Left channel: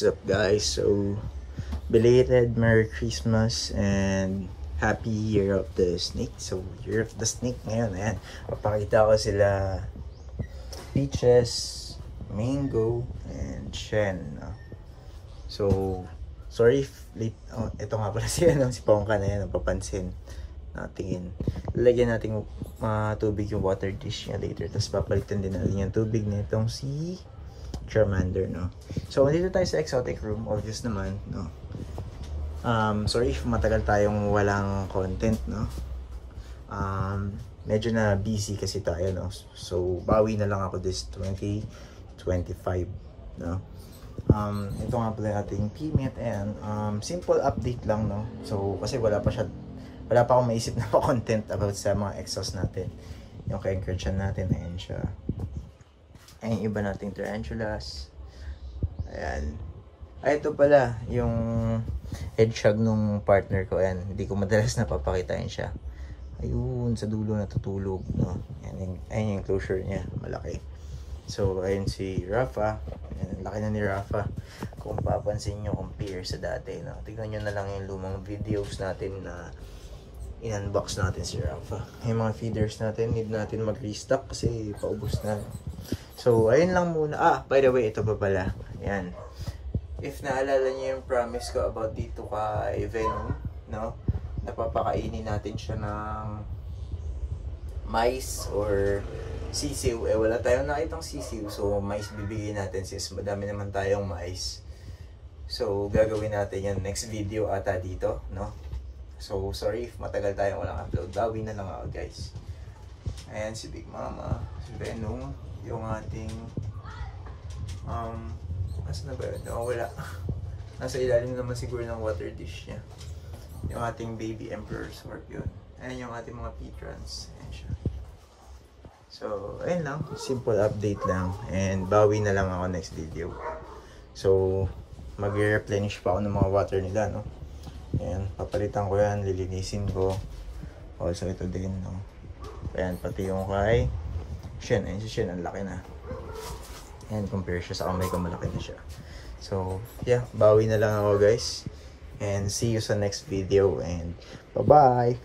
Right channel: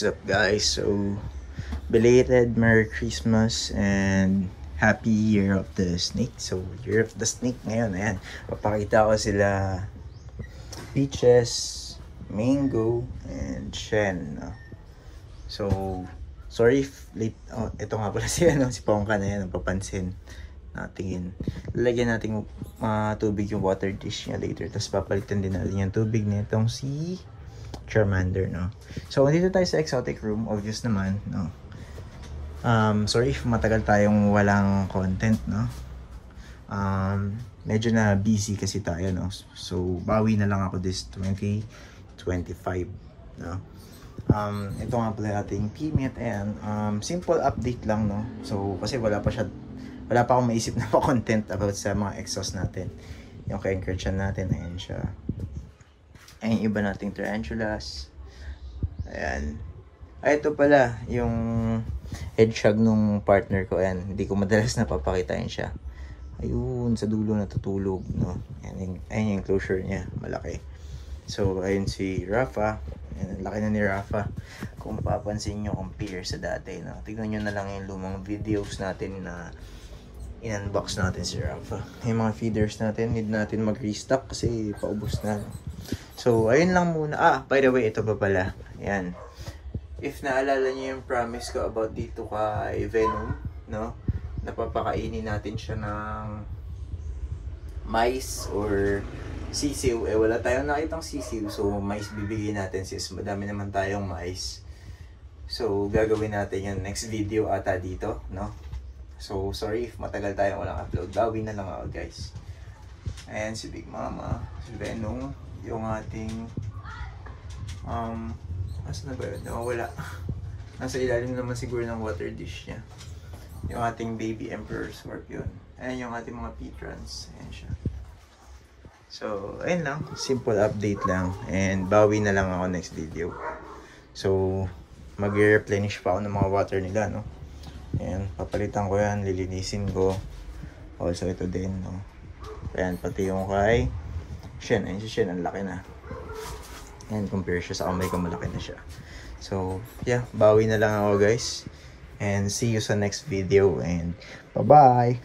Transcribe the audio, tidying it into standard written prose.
What's up guys? So belated Merry Christmas and Happy Year of the Snake. So Year of the Snake ngayon, ayan, papakita ko sila Peaches, Mango, and Shen, no? So sorry if late. Oh, ito nga pala si Pongka na yan, napapansin natin. Lalagyan natin tubig yung water dish niya later, tapos papalitan din natin yung tubig nitong si Charmander, no? So dito tayo sa exotic room, obvious naman, no? Sorry if matagal tayong walang content, no? Medyo na busy kasi tayo, no? So bawi na lang ako this 2025, no? Ito nga pala ating PMET and simple update lang, no? So kasi wala pa akong maisip na content about sa mga exhaust natin. Yung ka-encourage natin, ayan siya. Ayan yung iba nating tarantulas. Ayan. Ay, ito pala yung hedgehog nung partner ko. Ayan, hindi ko madalas napapakitain siya. Ayun, sa dulo natutulog, no? Ayan yung closure niya, malaki. So ayun si Rafa. Ayan, laki na ni Rafa. Kung papansin nyo, compare sa dati, no? Tignan nyo na lang yung lumang videos natin na in-unbox natin si Rafa. Yung mga feeders natin, need natin mag-restock kasi paubos na. So ayun lang muna. By the way, ito pa pala. Ayan, if naalala nyo yung promise ko about dito kay Venom, no? Napapakainin natin siya ng mice or sisiw. Eh wala tayong nakitang sisiw, so mice bibigyan natin sis. Madami naman tayong mice. So gagawin natin yung next video ata dito, no? So sorry if matagal tayong walang upload. Bawi na lang ako guys. Ayan si Big Mama, si Venom, yung ating asan na ba yun? Wala. Nasa ilalim naman siguro ng water dish niya. Yung ating baby Emperor Scorpion. Ayan yung ating mga P-trans. Ayan siya. So ayun lang, simple update lang, and bawi na lang ako next video. So mag-replenish pa ako ng mga water nila, no? Ayan, papalitan ko yan, lilinisin ko. Also ito din, no? Ayan, pati yung kay Shen. Ayan si Shen, ang laki na. Ayan, compare siya sa kamay ko, malaki na siya. So yeah, bawi na lang ako guys, and see you sa next video, and bye bye.